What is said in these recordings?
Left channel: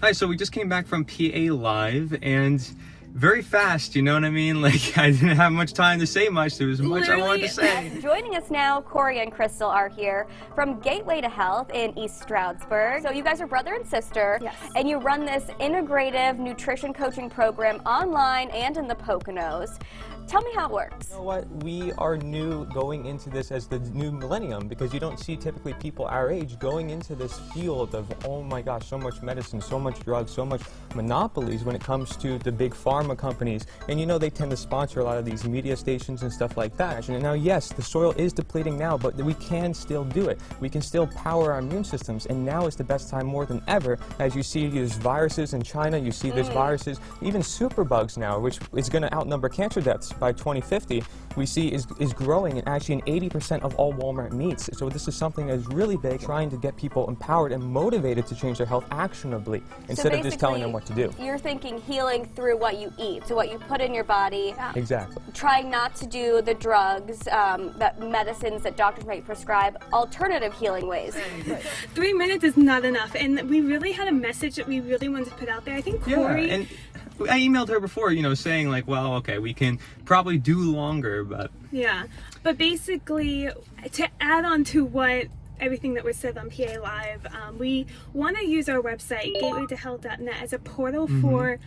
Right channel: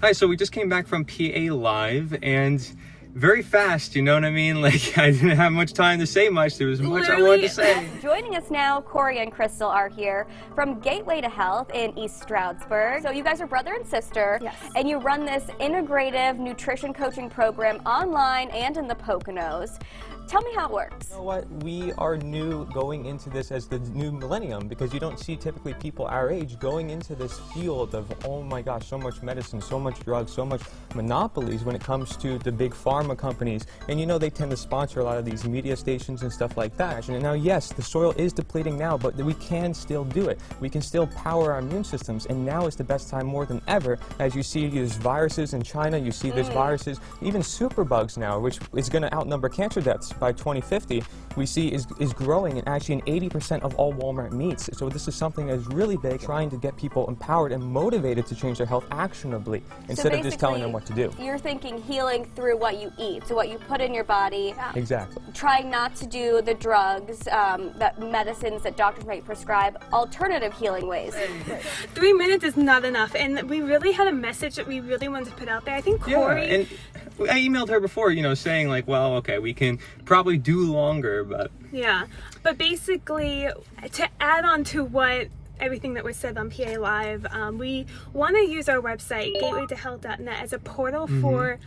Hi, so we just came back from PA Live and very fast, you know what I mean? Like, I didn't have much time to say much. There was much I wanted to say. Joining us now, CORY and Krystal are here from Gateway to Health in East Stroudsburg. So you guys are brother and sister, yes, and you run this integrative nutrition coaching program online and in the Poconos. Tell me how it works. You know what? We are new going into this as the new millennium because you don't see typically people our age going into this field of, oh my gosh, so much medicine, so much drugs, so much monopolies when it comes to the big pharma companies. And you know, they tend to sponsor a lot of these media stations and stuff like that. And now, yes, the soil is depleting now, but we can still do it. We can still power our immune systems. And now is the best time more than ever. As you see, there's viruses in China, you see there's viruses, even superbugs now, which is going to outnumber cancer deaths by 2050, we see is growing, and actually in 80% of all Walmart meats. So this is something that is really big, trying to get people empowered and motivated to change their health actionably instead of just telling them what to do. You're thinking healing through what you eat, so what you put in your body. Exactly. Trying not to do the drugs, that medicines that doctors might prescribe, alternative healing ways. Right. 3 minutes is not enough, and we really had a message that we really wanted to put out there. I think CORY... Yeah, and I emailed her before, you know, saying like, well, okay, we can probably do longer, but... Yeah, but basically, to add on to what everything that was said on PA Live, we want to use our website, gatewaytohealth.net, as a portal for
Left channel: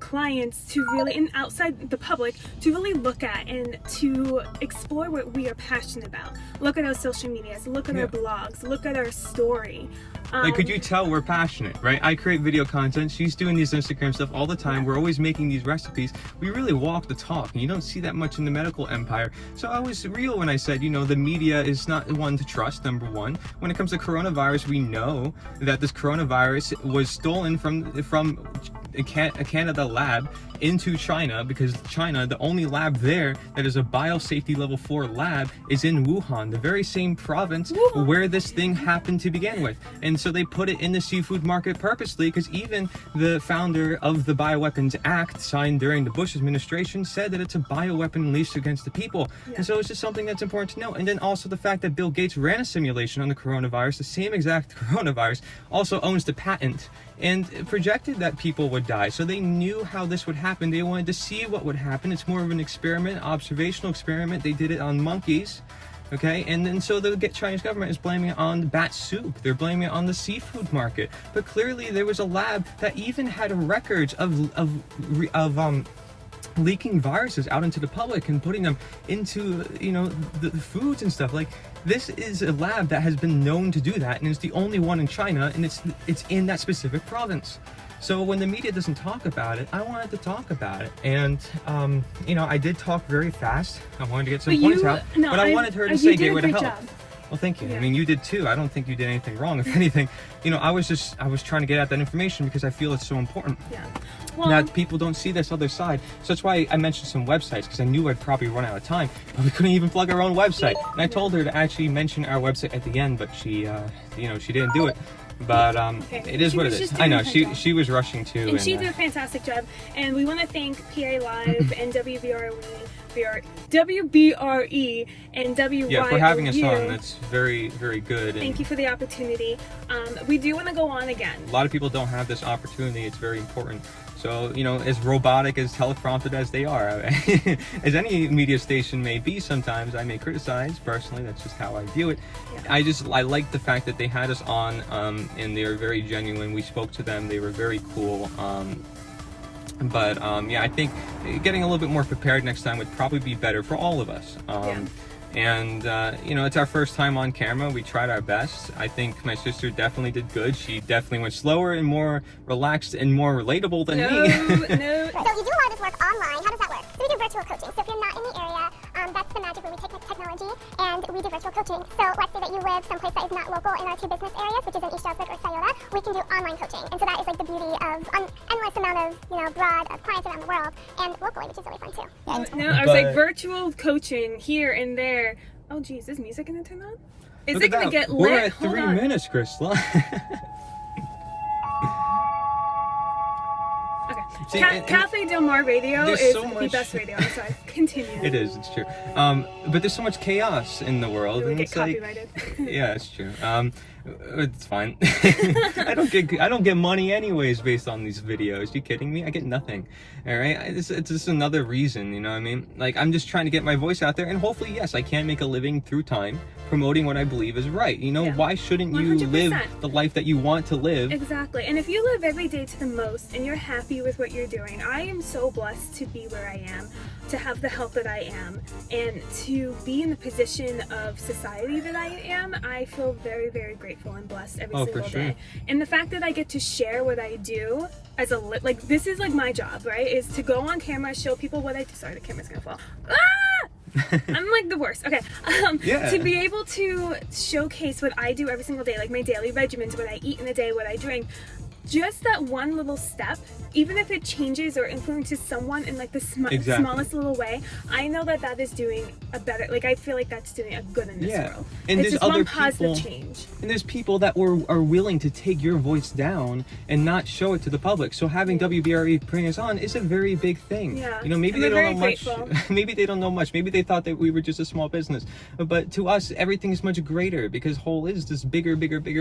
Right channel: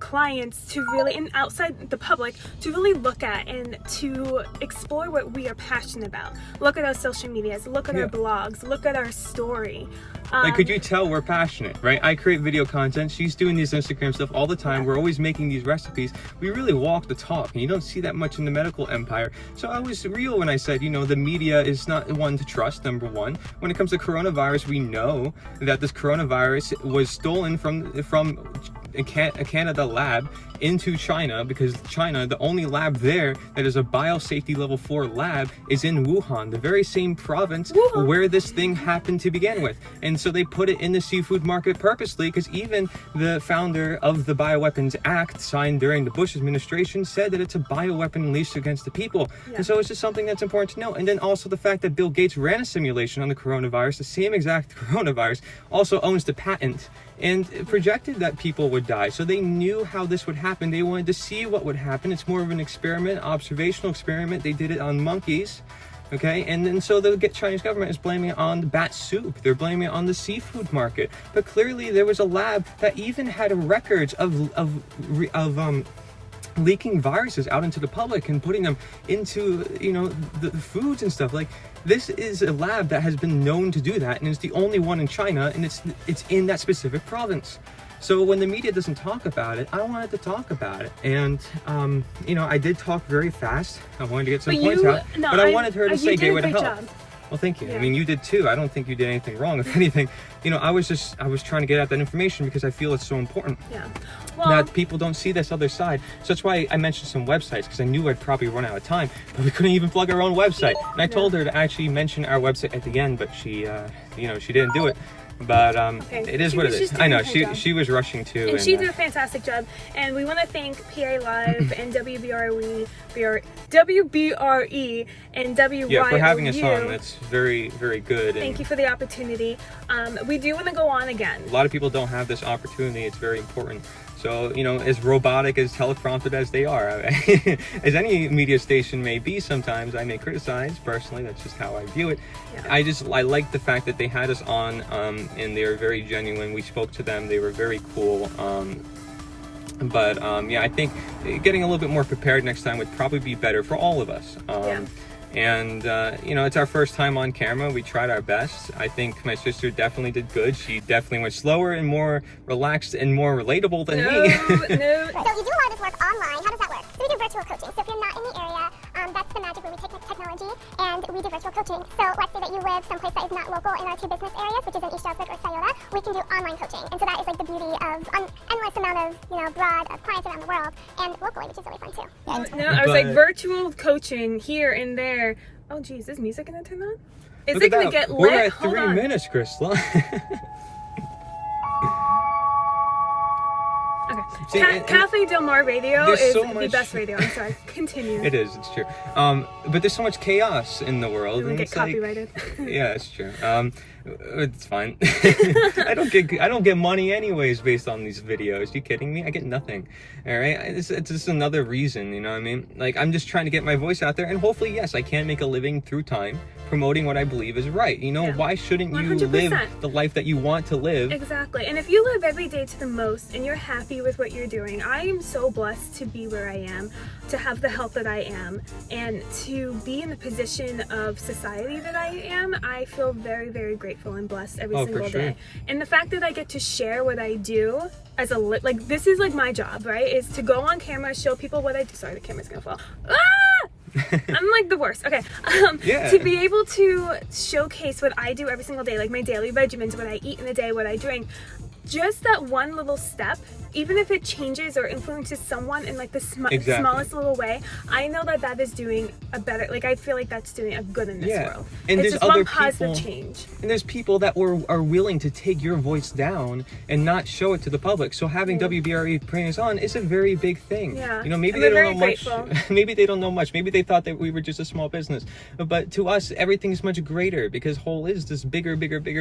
clients to really, and outside the public, to really look at and to explore what we are passionate about. Look at our social medias, look at our blogs, look at our story. Like, could you tell we're passionate, right? I create video content. She's doing these Instagram stuff all the time. We're always making these recipes. We really walk the talk, and you don't see that much in the medical empire. So I was real when I said, you know, the media is not one to trust, number one. When it comes to coronavirus, we know that this coronavirus was stolen from a Canada lab into China, because China, the only lab there that is a biosafety level 4 lab, is in Wuhan, the very same province where this thing happened to begin with. And so they put it in the seafood market purposely, because even the founder of the Bioweapons Act, signed during the Bush administration, said that it's a bioweapon unleashed against the people. And so it's just something that's important to know. And then also the fact that Bill Gates ran a simulation on the coronavirus, the same exact coronavirus, also owns the patent and projected that people would die. So they knew how this would happen. They wanted to see what would happen. It's more of an experiment, observational experiment. They did it on monkeys, okay? And then so the Chinese government is blaming it on the bat soup. They're blaming it on the seafood market. But clearly there was a lab that even had records of leaking viruses out into the public and putting them into, you know, the foods and stuff. Like, this is a lab that has been known to do that, and it's the only one in China, and it's in that specific province. So when the media doesn't talk about it, I wanted to talk about it. And, you know, I did talk very fast. I wanted to get some points out, but I wanted her to say Gateway to Health. Well, thank you. Yeah. I mean, you did too. I don't think you did anything wrong. If anything, you know, I was trying to get out that information because I feel it's so important. Yeah. Well, that people don't see this other side. So that's why I mentioned some websites, because I knew I'd probably run out of time. But we couldn't even plug our own website. And I told her to actually mention our website at the end, but she, you know, she didn't do it. But it is what it is. I know she was rushing too, and she did a fantastic job. And we want to thank PA Live and WBRE and WYOU. Yeah, for having us on. That's very, very good. Thank you for the opportunity. We do want to go on again. A lot of people don't have this opportunity. It's very important. So, you know, as robotic, as teleprompted as they are, as any media station may be sometimes, I may criticize, personally, that's just how I view it. Yeah. I like the fact that they had us on, and they were very genuine. We spoke to them, they were very cool. Yeah, I think getting a little bit more prepared next time would probably be better for all of us. And, you know, it's our first time on camera. We tried our best. I think my sister definitely did good. She definitely went slower and more relaxed and more relatable than me. So you do a lot of this work online. How does that work? So we do virtual coaching. So if you're not in the area, that's the magic where we take technology and we do virtual coaching. So let's say that you live someplace that is not local in our 2 business areas, which is in East Stroudsburg or Scioto, we can do online coaching. And so that is like the beauty of an endless amount of, you know, broad clients around the world and locally, which is really fun too. No, I was like virtual coaching here and there. Oh geez, is music gonna turn on? Is it gonna get lit? We're at 3 minutes, Krystal. Okay. Cafe Del Mar Radio is the best radio. I'm sorry. Continue. It is. It's true. But there's so much chaos in the world. You'll get copyrighted. Yeah, it's true. It's fine. I don't get money anyways based on these videos. You kidding me? I get nothing. All right, it's just another reason, you know what I mean? Like, I'm just trying to get my voice out there, and hopefully, yes, I can make a living through time promoting what I believe is right. You know, why shouldn't you 100%. live the life that you want to live? Exactly. And if you live every day to the most and you're happy with what you're doing, I am so blessed to be where I am, to have the health that I am, and to be in the position of society that I am. I feel very, very grateful and blessed every single day. And the fact that I get to share what I do as a like, this is like my job, right? Is to go on camera, show people what I do. Sorry, the camera's gonna fall. Ah! I'm like the worst. Okay. To be able to showcase what I do every single day, like my daily regimens, what I eat in a day, what I drink, just that one little step, even if it changes or influences someone in like the smallest little way, I know that that is doing a better, like I feel like that's doing a good in this world. And it's there's just other one positive people, change. And there's people that are willing to take your voice down and not show it to the public. So having WBRE bring us on is a very big thing. You know, maybe they don't know much. Maybe they don't know much. Maybe they thought that we were just a small business. But to us, everything's much greater because whole is this bigger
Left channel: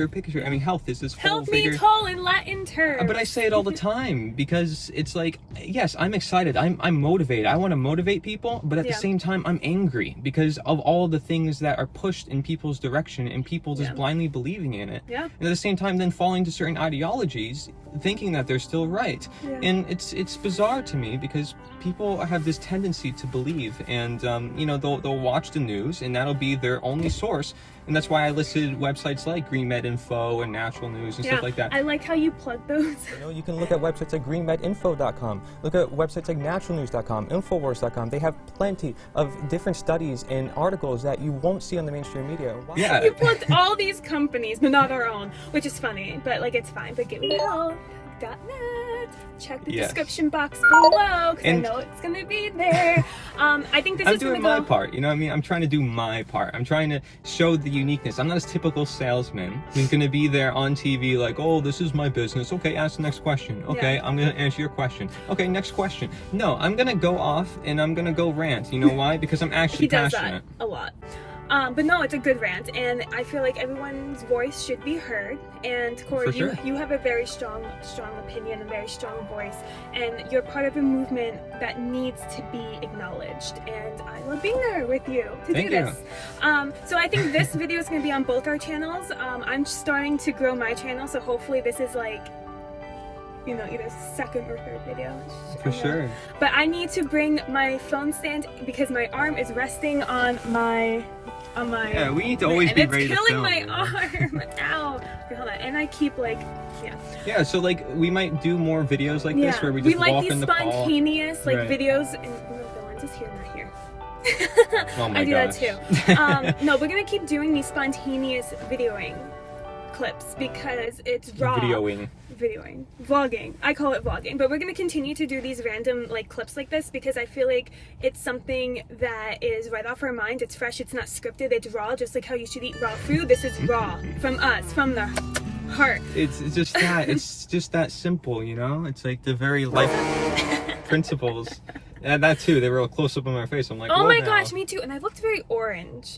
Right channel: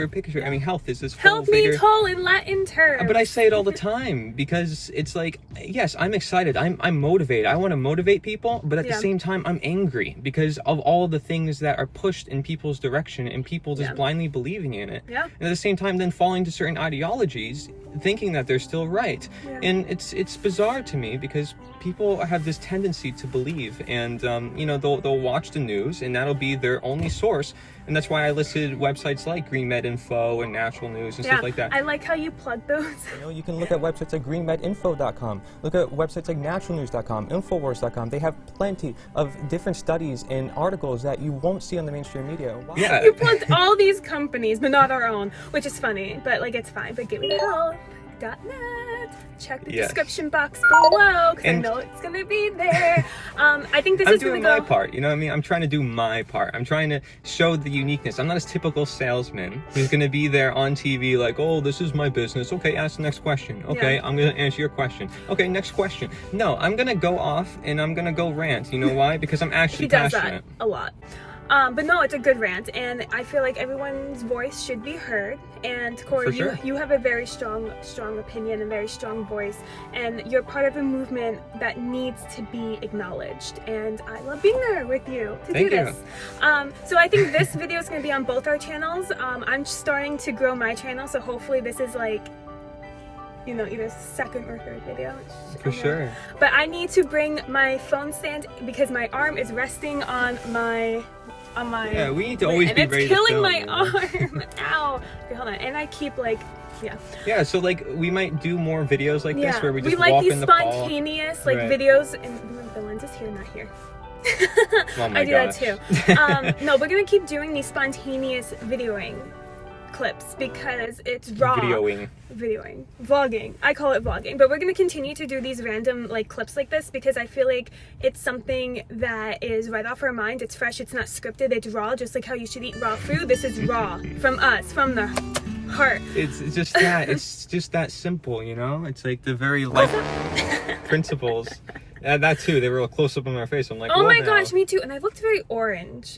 picture. I mean, health is this Health means whole in Latin terms. But I say it all the time because it's like, yes, I'm excited. I'm motivated. I want to motivate people, but at the same time, I'm angry because of all the things that are pushed in people's direction and people just blindly believing in it. And at the same time, then falling to certain ideologies, thinking that they're still right. And it's bizarre to me because people have this tendency to believe, and you know, they'll watch the news, and that'll be their only source. And that's why I listed websites like Green Med Info and Natural News and stuff like that. I like how you plug those. You know, you can look at websites like greenmedinfo.com, look at websites like naturalnews.com, infowars.com. They have plenty of different studies and articles that you won't see on the mainstream media. Yeah. You plugged all these companies, but not our own, which is funny, but like it's fine. But gatewaytohealth.net. Check the description box below because I know it's gonna be there. I think I'm doing my part, you know what I mean? I'm trying to do my part. I'm trying to show the uniqueness. I'm not a typical salesman who's gonna be there on TV like, oh, this is my business. Okay, ask the next question. Okay, I'm gonna answer your question. Okay, next question. No, I'm gonna go off and I'm gonna go rant. You know why? Because I'm actually passionate. He does that a lot. But no, it's a good rant, and I feel like everyone's voice should be heard. And Corey, you have a very strong opinion and very strong voice, and you're part of a movement that needs to be acknowledged. And I love being there with you to do this. So I think this video is going to be on both our channels. I'm starting to grow my channel, so hopefully this is like, you know, either second or third video. For sure. But I need to bring my phone stand because my arm is resting on my. Yeah, we need to always be ready to film. And it's killing my arm. Ow. Wait, hold on. And I keep like, Yeah, so like we might do more videos like this where we just walk in the fall. We like these spontaneous like videos, and the lens is here, not here. Oh my I do gosh. that too. No, we're gonna keep doing these spontaneous videoing clips because it's raw. Vlogging. I call it vlogging, but we're gonna continue to do these random like clips like this because I feel like it's something that is right off our mind. It's fresh. It's not scripted. It's raw, just like how you should eat raw food. This is raw from us, from the heart. It's just that. It's just that simple, you know. It's like the very life principles. And that too. They were a close up on my face. I'm like, oh my gosh, me too. And I looked very orange.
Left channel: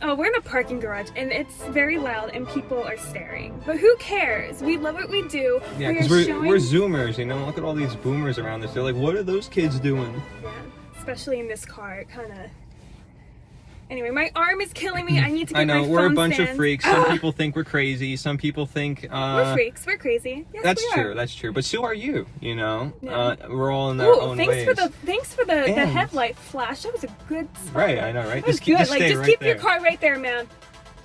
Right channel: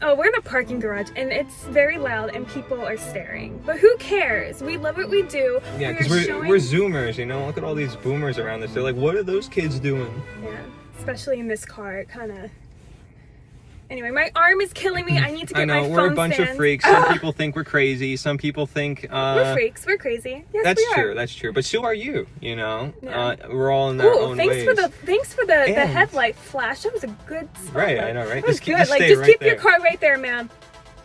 We're in a parking garage and it's very loud and people are staring, but who cares? We love what we do. Yeah, because we're zoomers, you know. Look at all these boomers around us. They're like, what are those kids doing? Yeah, especially in this car. It kind of. Anyway, my arm is killing me. I need to get my phone stand. I know, we're a bunch of freaks. Some people think we're crazy. Some people think... we're freaks. We're crazy. Yes, that's we are. That's true. But so are you, you know? Yeah. We're all in our own ways. Thanks for the headlight flash. That was a good spotlight. Right, I know, right? That was good. Like, just keep your car right there, man.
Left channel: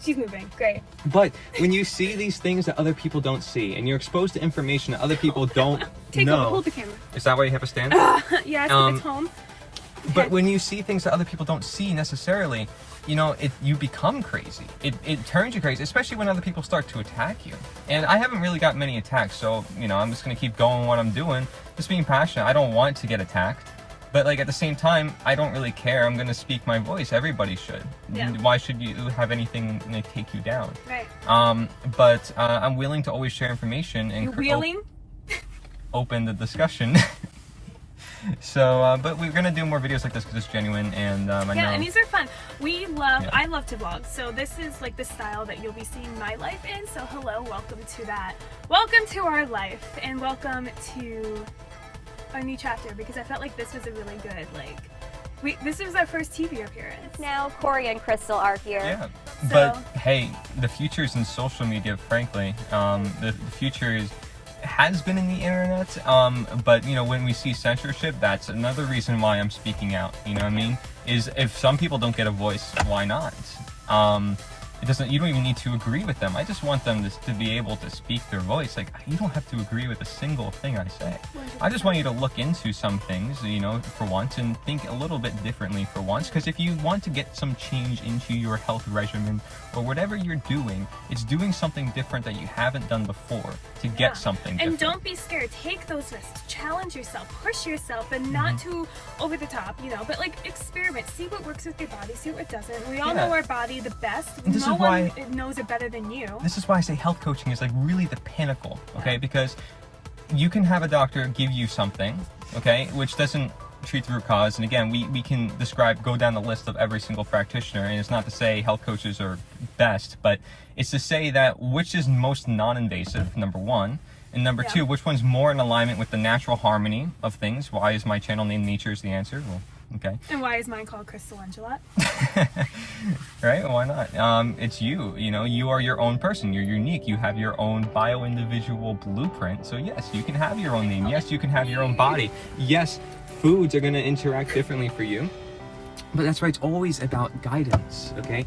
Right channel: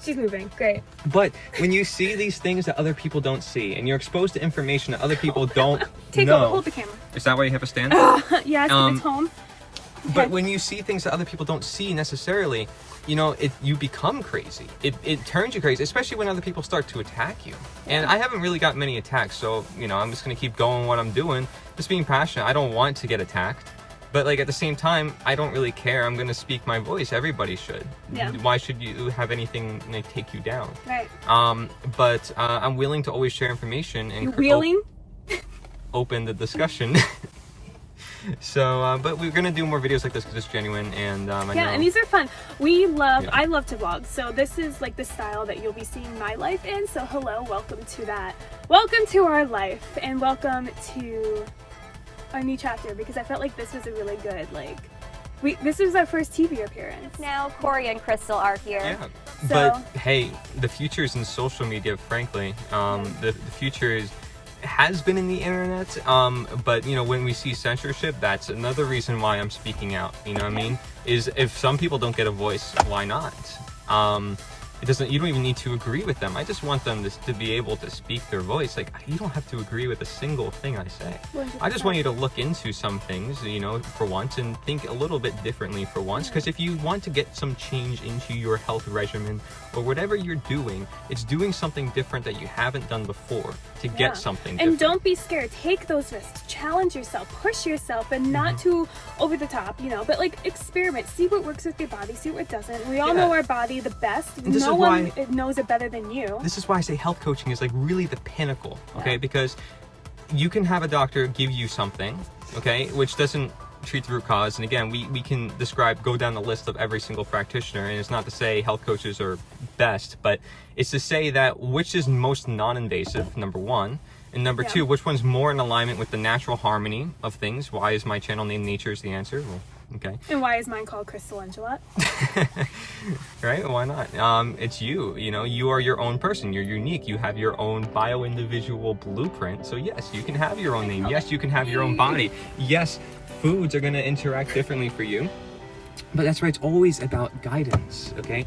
She's moving. Great. But when you see these things that other people don't see, and you're exposed to information that other people don't know... Hold the camera. Is that why you have a stand? Yeah, I think it's home. But when you see things that other people don't see necessarily, you know, you become crazy. It turns you crazy, especially when other people start to attack you. And I haven't really got many attacks, so, you know, I'm just going to keep going what I'm doing, just being passionate. I don't want to get attacked. But, like, at the same time, I don't really care. I'm going to speak my voice. Everybody should. Yeah. Why should you have anything like, take you down? Right. But I'm willing to always share information and open the discussion. So, but we're gonna do more videos like this because it's genuine, and I know. Yeah, and these are fun. I love to vlog, so this is like the style that you'll be seeing my life in. So hello, welcome to that. Welcome to our life, and welcome to our new chapter, because I felt like this was a really good, this was our first TV appearance. Now Corey and Krystal are here. Yeah, but hey, the future is in social media, frankly. The future has been in the internet, but you know, when we see censorship, that's another reason why I'm speaking out. You know what I mean? Is if some people don't get a voice, why not? You don't even need to agree with them. I just want them to be able to speak their voice. Like, you don't have to agree with a single thing I say. I just want you to look into some things, you know, for once, and think a little bit differently for once. Because if you want to get some change into your health regimen or whatever you're doing, it's doing something different that you haven't done before to get something different. And don't be scared. Take those risks. Challenge yourself. Push yourself, and not too over the top, you know, but like experiment. See what works with your body. See what doesn't. We all know our body the best. And this no is one why knows it better than you. This is why I say health coaching is like really the pinnacle, okay? Because you can have a doctor give you something, okay, which doesn't treat the root cause. And again, we can go down the list of every single practitioner, and it's not to say health coaches are best, but it's to say that which is most non-invasive, number one, and number two, which one's more in alignment with the natural harmony of things. Why is my channel named Nature is the Answer? Well, okay. And why is mine called Krystal Endrulat? Right? Why not? It's you. You know, you are your own person. You're unique. You have your own bio-individual blueprint. So yes, you can have your own name. Yes, you can have your own body. Yes, foods are going to interact differently for you. But that's right, it's always about guidance, okay?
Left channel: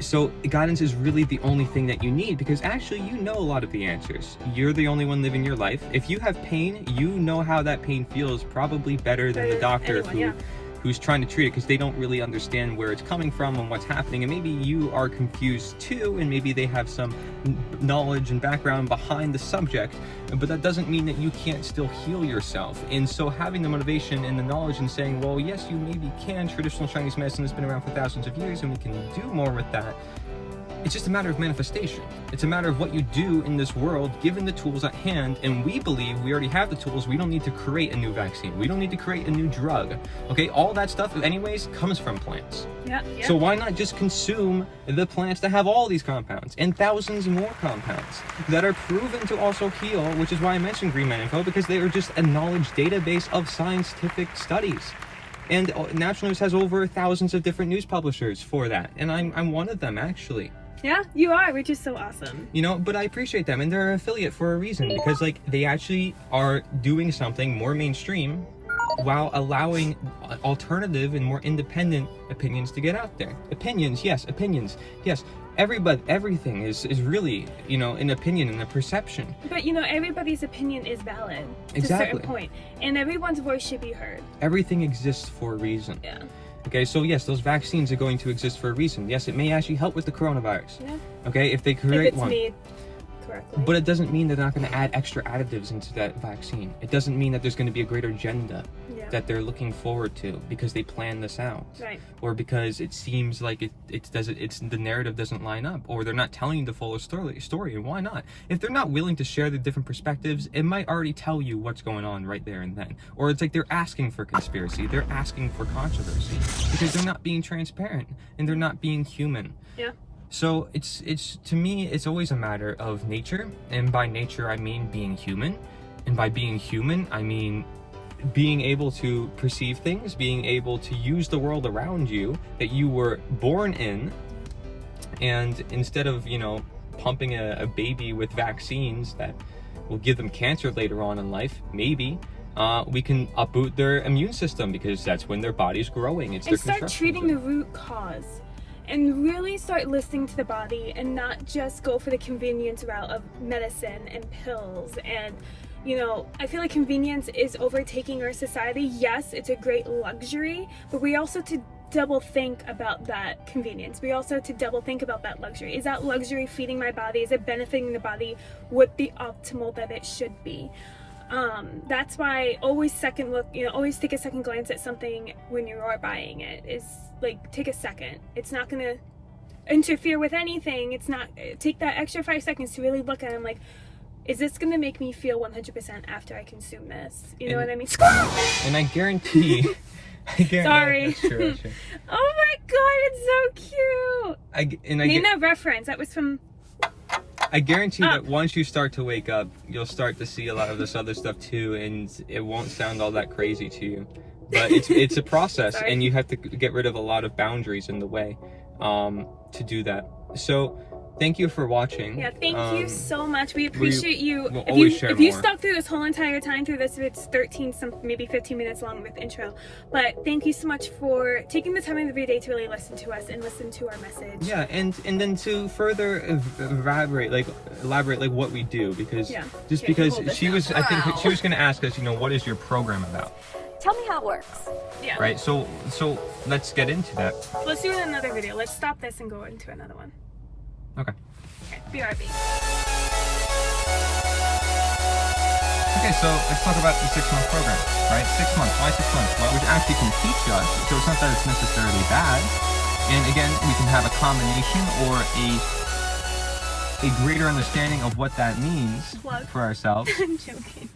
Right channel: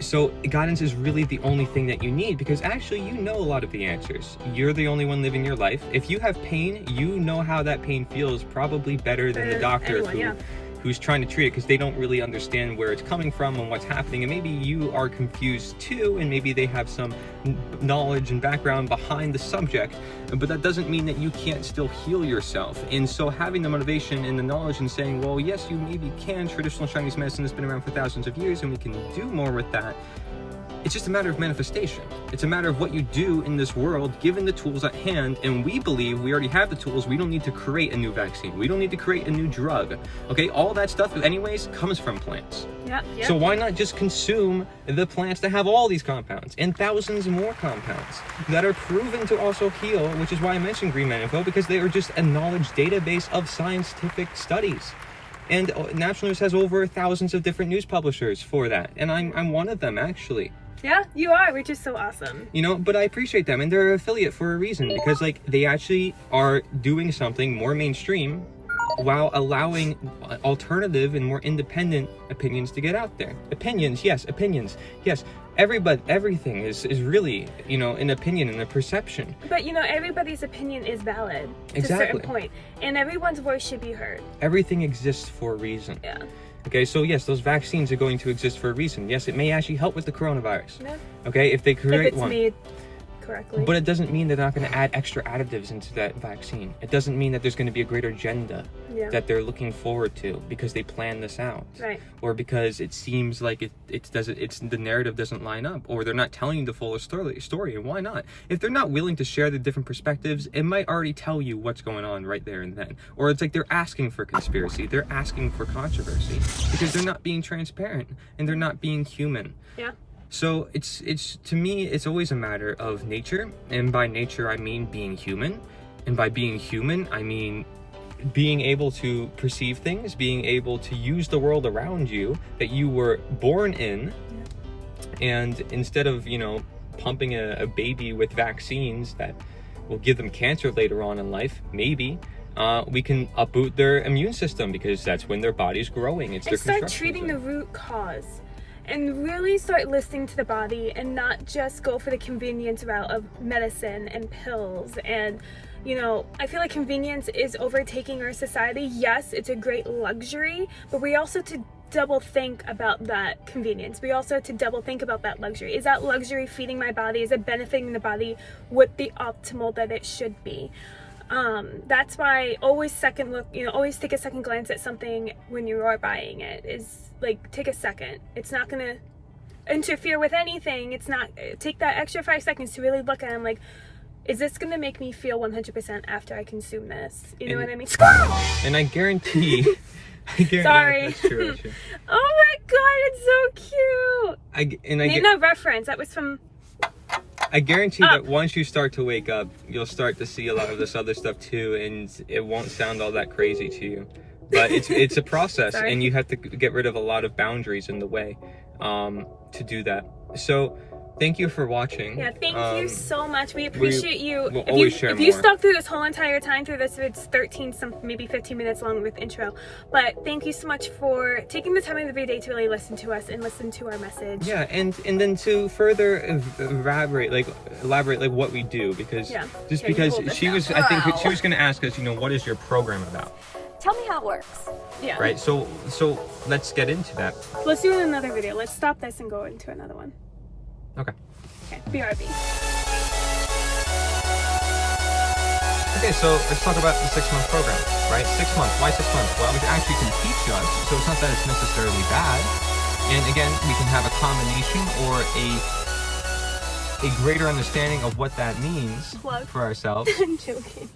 So guidance is really the only thing that you need, because actually you know a lot of the answers. You're the only one living your life. If you have pain, you know how that pain feels probably better than the doctor who's trying to treat it, because they don't really understand where it's coming from and what's happening. And maybe you are confused too, and maybe they have some knowledge and background behind the subject, but that doesn't mean that you can't still heal yourself. And so having the motivation and the knowledge and saying, well, yes, you maybe can. Traditional Chinese medicine has been around for thousands of years, and we can do more with that. It's just a matter of manifestation. It's a matter of what you do in this world, given the tools at hand. And we believe we already have the tools. We don't need to create a new vaccine. We don't need to create a new drug. Okay, all that stuff anyways comes from plants. Yep. So why not just consume the plants that have all these compounds and thousands more compounds that are proven to also heal, which is why I mentioned Green Man Info, because they are just a knowledge database of scientific studies. And Natural News has over thousands of different news publishers for that. And I'm one of them, actually. Yeah, you are, which is so awesome. You know, but I appreciate them, and they're an affiliate for a reason, because like they actually are doing something more mainstream while allowing alternative and more independent opinions to get out there. Opinions, yes. Everything is really, you know, an opinion and a perception. But you know, everybody's opinion is valid to a certain point, and everyone's voice should be heard. Everything exists for a reason. Yeah. Okay, so yes, those vaccines are going to exist for a reason. Yes, it may actually help with the coronavirus. Yeah. Okay, if they create one. Made correctly. But it doesn't mean they're not going to add extra additives into that vaccine. It doesn't mean that there's going to be a greater agenda that they're looking forward to because they plan this out. Right. Or because it seems like the narrative doesn't line up, or they're not telling you the full story. And why not? If they're not willing to share the different perspectives, it might already tell you what's going on right there and then. Or it's like they're asking for conspiracy, they're asking for controversy, because they're not being transparent and they're not being human. Yeah. So it's to me, it's always a matter of nature, and by nature I mean being human, and by being human I mean being able to perceive things, being able to use the world around you that you were born in, and instead of, you know, pumping a baby with vaccines that will give them cancer later on in life, maybe we can upboot their immune system, because that's when their body's growing. It's and their start treating the root cause. And really start listening to the body, and not just go for the convenience route of medicine and pills. And, you know, I feel like convenience is overtaking our society. Yes, it's a great luxury, but we also have to double think about that convenience. We also have to double think about that luxury. Is that luxury feeding my body? Is it benefiting the body with the optimal that it should be? That's why always always take a second glance at something when you are buying it. Is like, take a second. It's not going to interfere with anything. It's not, take that extra 5 seconds to really look at it. I'm like, is this going to make me feel 100% after I consume this? You know And- what I mean? And I guarantee. Sorry. That's true, that's true. Oh my god, it's so cute. Need a reference. That was from... I guarantee that once you start to wake up, you'll start to see a lot of this other stuff too, and it won't sound all that crazy to you. But it's a process, Sorry. and you have to get rid of a lot of boundaries in the way to do that. So, thank you for watching. Yeah, thank you so much. We appreciate you. We'll If always you, share if you more. stuck through this whole entire time through this, it's 13, maybe 15 minutes long with intro. But thank you so much for taking the time of the day to really listen to us and listen to our message. Yeah, and then to further elaborate like what we do, because Yeah. just Okay, because hold this she down. was, I think she was going to ask us, what is your program about, Tell me how it works. Yeah. right? So let's get into that. Let's do another video. Let's stop this and go into another one. Okay. Okay, BRB. Okay, so let's talk about the 6-month program, right? 6 months. Why 6 months? Well, it actually can teach us, so it's not that it's necessarily bad. And again, we can have a combination or a greater understanding of what that means What? for ourselves. I'm joking.